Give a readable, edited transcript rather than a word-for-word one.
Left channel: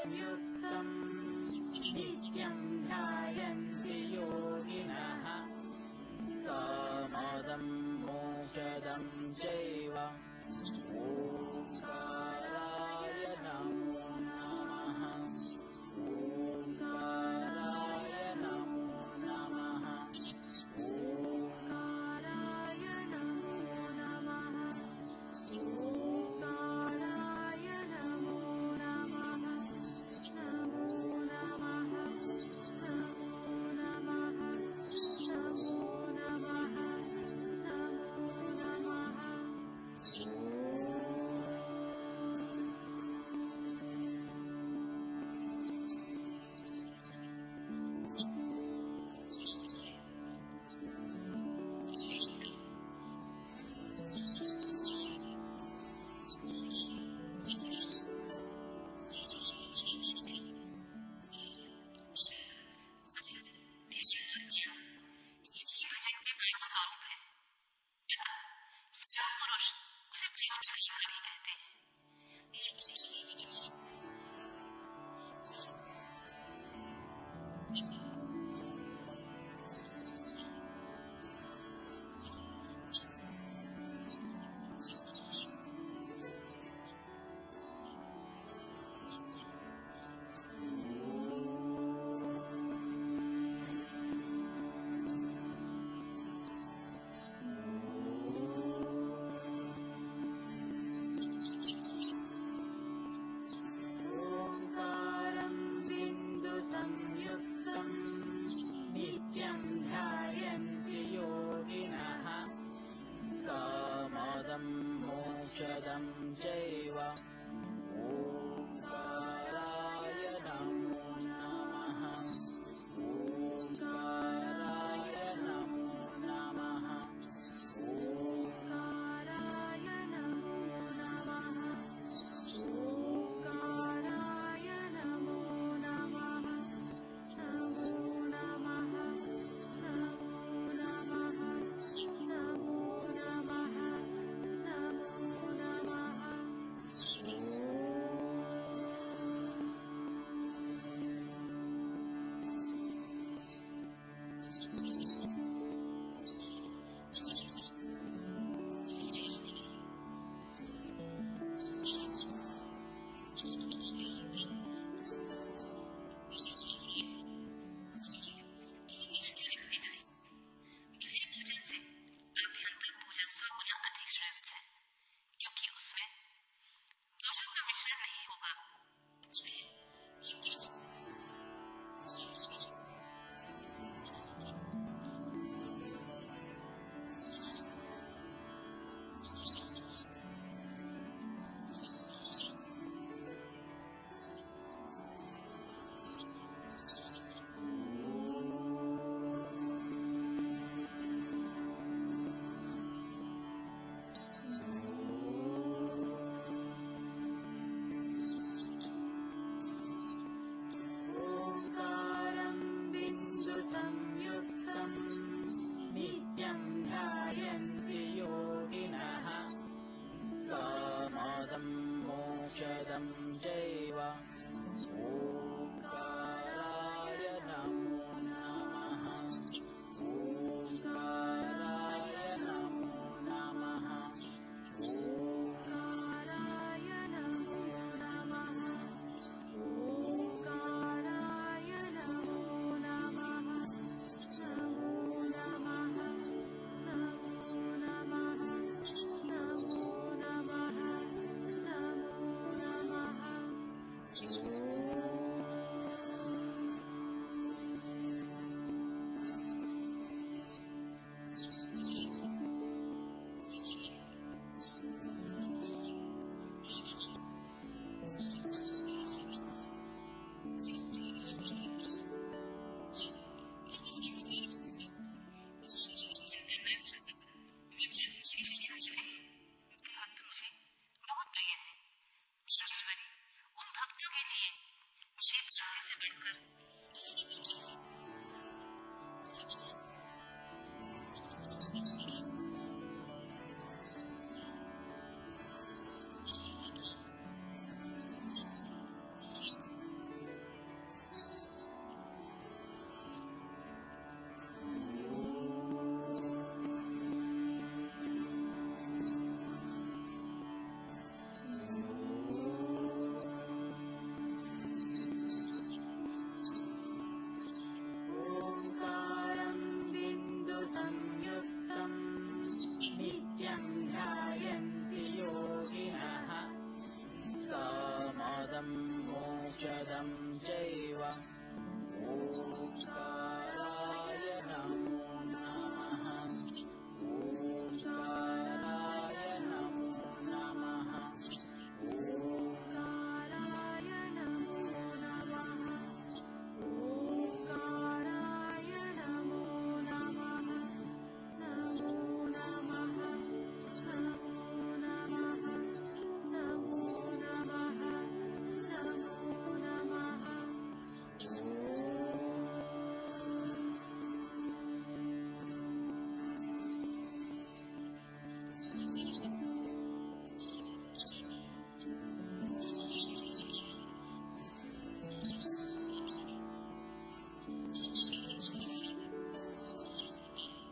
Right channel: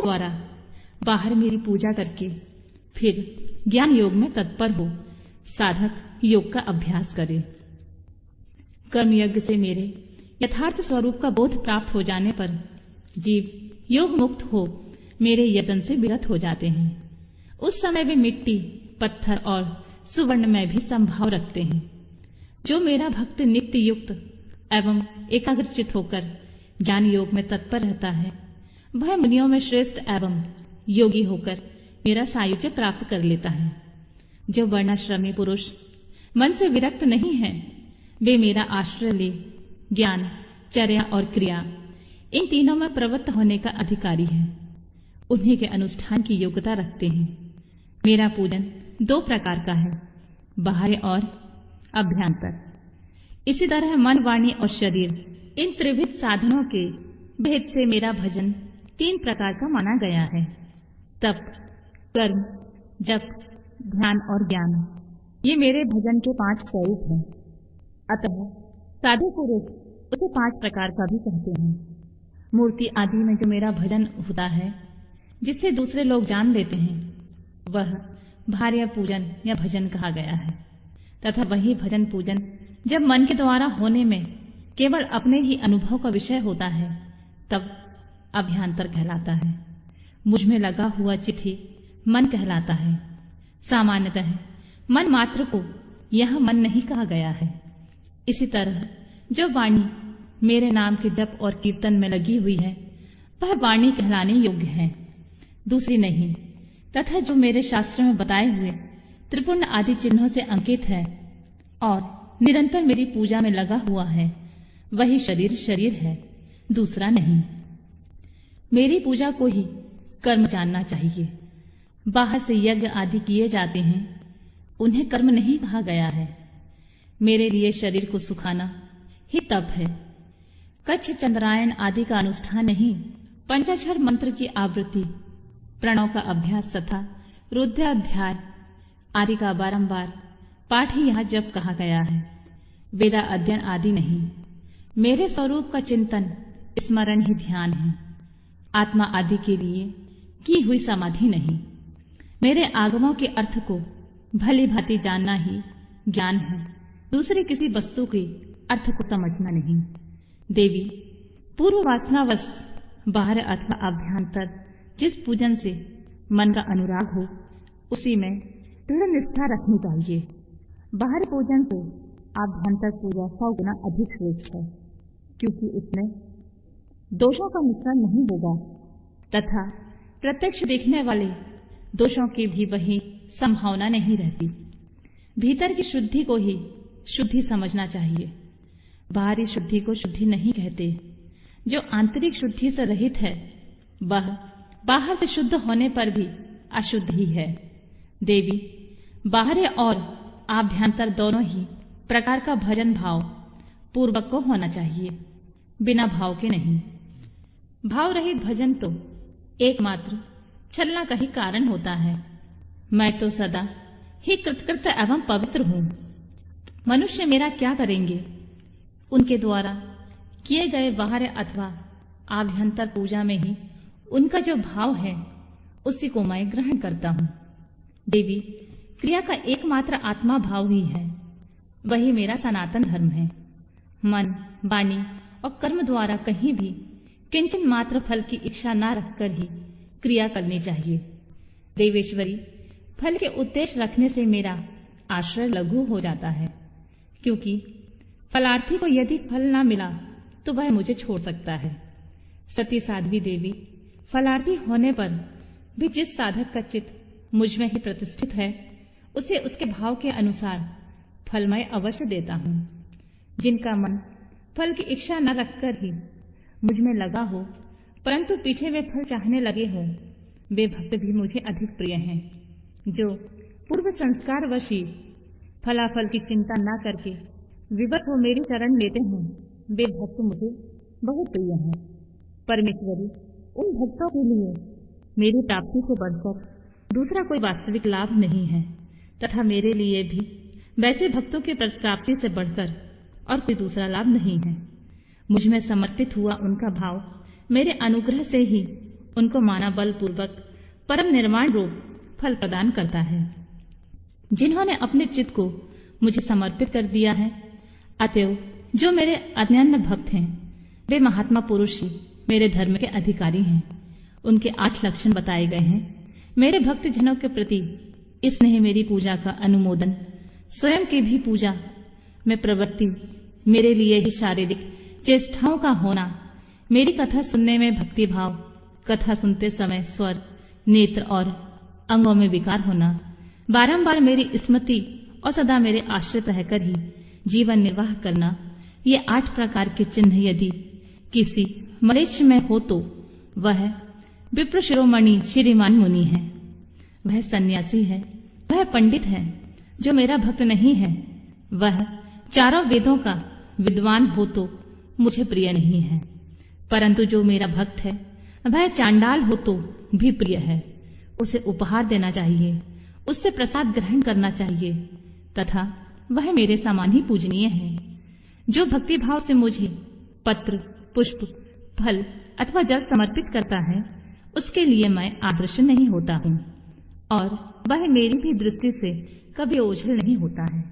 उसके द्वारा बाहर मेरी पूजा करके फिर ज्ञान योग में तत्पर हो साधक योग का अभ्यास करे। कर्म यज्ञ से मेरे यथार्थ स्वरूप का बोध प्राप्त हो जाने पर जीव योग मुक्त हो मेरे यजन से विरत हो जाते हैं। उस समय वे मिट्टी, पत्थर और सुवर्ण में भी संभाव रखते हैं। जो मेरा भक्त नित्य युक्त एवं एकाग्रचित होकर ज्ञान योग में तत्पर रहता है वह मुनियों में श्रेष्ठ एवं योगी होकर मेरा सायुज्य प्राप्त कर लेता है। जो वर्णाश्रमी पुरुष मन से विरक्त नहीं है वे मेरा आश्रय ले ज्ञान, चर्या और क्रिया इन तीनों में प्रवृत्त होने का अधिकारी है। उन्हीं के अनुष्ठान की योग्यता रखते हैं। मेरा पूजन 2 प्रकार का है, बाह्य और अभ्यंतर। इसी तरह मन, वाणी और शरीर इन त्रिविध साधनों के भेद से मेरा भजन 3 प्रकार का माना गया है। तप, कर्म, जप, ध्यान और ज्ञान ये मेरे भजन के 5 स्वरूप हैं। अतः साधु पुरुष उसे 5 प्रकार का भी कहते हैं। मूर्ति आदि में जो मेरा भजन होता है जिससे दूसरे लोग जान लेते हैं वह भार्य पूजन या भजन कहा गया है। तथा वही भजन पूजन जब मन के द्वारा होने में केवल अपने ही अनुभव का विषय होता है तब अभ्यंतर कहलाता है। मुझ में लगा हुआ चित्त ही मन कहलाता है। सामान्यतः मन मात्र को यहाँ मन नहीं कहा गया है। इसी तरह जो वाणी मेरे नाम के जप और कीर्तन में लगी हुई है वह वाणी कहलाने योग्य है, दूसरी नहीं। तथा जो मेरे शास्त्र में बताए हुए त्रिपुण्य आदि चिन्हों से अंकित है और निरंतर मेरी पूजा में लगा हुआ है वही शरीर शरीर है, दूसरा नहीं। मेरी पूजा को ही कर्म जानना चाहिए। बाहर से यज्ञ आदि किए जाते हैं उन्हें कर्म नहीं कहा गया है। मेरे लिए शरीर को सुखाना ही तप है। कच्छ, चंद्रायण आदि का अनुष्ठान नहीं, पंचाक्षर मंत्र की आवृत्ति, प्रणव का अभ्यास तथा रुद्राध्याय आदि का बारंबार पाठ ही यहाँ जप कहा गया है। वेदा अध्ययन आदि नहीं। मेरे स्वरूप का चिंतन, स्मरण ही ध्यान है। आत्मा आदि के लिए की हुई समाधि नहीं। मेरे आगमों के अर्थ को भली भांति जानना ही ज्ञान है, दूसरे किसी वस्तु के अर्थ को समझना नहीं। देवी, पूर्व वासनावश बाहर अथवा अभ्यंतर जिस पूजन से मन का अनुराग हो उसी में दृढ़ निष्ठा रखनी चाहिए। बाहरी पूजन से आभ्यंतर पूजा 100 गुना अधिक श्रेष्ठ है, क्योंकि उसमें दोषों का मिश्रण नहीं होगा तथा प्रत्यक्ष देखने वाले दोषों की भी वही संभावना नहीं रहती। भीतर की शुद्धि को ही शुद्धि समझना चाहिए। बाहरी शुद्धि को शुद्धि नहीं कहते। जो आंतरिक शुद्धि से रहित है वह बाहर से शुद्ध होने पर भी अशुद्ध ही है। देवी, बाहरी और आभ्यंतर दोनों ही प्रकार का भजन भाव पूर्वक को होना चाहिए, बिना भाव के नहीं। भाव रहित भजन तो एकमात्र छलना का ही कारण होता है। मैं तो सदा ही कृतकृत एवं पवित्र हूँ। मनुष्य मेरा क्या करेंगे? उनके द्वारा किए गए बाहर अथवा आभ्यंतर पूजा में ही उनका जो भाव है उसी को मैं ग्रहण करता हूँ। देवी, क्रिया का एकमात्र आत्मा भाव ही है, वही मेरा सनातन धर्म है। मन, वाणी और कर्म द्वारा कहीं भी किंचन मात्र फल की इच्छा न रखकर ही क्रिया करनी चाहिए। देवेश्वरी, फल के उद्देश्य रखने से मेरा आश्रय लघु हो जाता है, क्योंकि फलार्थी को यदि फल न मिला तो वह मुझे छोड़ सकता है। सती साध्वी देवी, फलार्थी होने पर भी जिस साधक का चित्त मुझ में ही प्रतिष्ठित है उसे उसके भाव के अनुसार फल मैं अवश्य देता हूँ। जिनका मन फल की इच्छा न रखकर ही मुझ में लगा हो परंतु पीछे वे फल चाहने लगे हो, वे भक्त भी मुझे अधिक प्रिय हैं। जो पूर्व संस्कार वशी फलाफल की चिंता न करके विवश हो मेरी शरण लेते हैं वे भक्त मुझे बहुत प्रिय हैं। परमेश्वरी, उन भक्तों के लिए मेरी प्राप्ति से बढ़कर दूसरा कोई वास्तविक लाभ नहीं है तथा मेरे लिए भी वैसे भक्तों की प्राप्ति से बढ़कर और कोई दूसरा लाभ नहीं है। मुझ में समर्पित हुआ उनका भाव मेरे अनुग्रह से ही उनको माना बलपूर्वक परम निर्वाण रूप फल प्रदान करता है। जिन्होंने अपने चित्त को मुझे समर्पित कर दिया है, अतएव जो मेरे अनन्य भक्त हैं, वे महात्मा पुरुष ही मेरे धर्म के अधिकारी हैं। उनके 8 लक्षण बताए गए हैं। मेरे भक्त जनों के प्रति स्नेह मेरी पूजा का अनुमोदन, स्वयं की भी पूजा में प्रवृत्ति, मेरे लिए ही शारीरिक चेष्टाओं का होना, मेरी कथा सुनने में भक्ति भाव, कथा सुनते समय स्वर, नेत्र और अंगों में विकार होना, बारंबार मेरी स्मृति और सदा मेरे आश्रित रहकर ही जीवन निर्वाह करना, ये 8 प्रकार के चिन्ह यदि किसी मनुष्य में हो तो वह विप्र शिरोमणि श्रीमान मुनि है, वह सन्यासी है, वह पंडित है। जो मेरा भक्त नहीं है वह चारों वेदों का विद्वान हो तो मुझे प्रिय नहीं है, परंतु जो मेरा भक्त है वह चांडाल हो तो भी प्रिय है। उसे उपहार देना चाहिए, उससे प्रसाद ग्रहण करना चाहिए तथा वह मेरे समान ही पूजनीय है। जो भक्ति भाव से मुझे पत्र, पुष्प, फल अथवा जल समर्पित करता है, उसके लिए मैं आदर्श नहीं होता हूँ और वह मेरी भी दृष्टि से कभी ओझल नहीं होता है।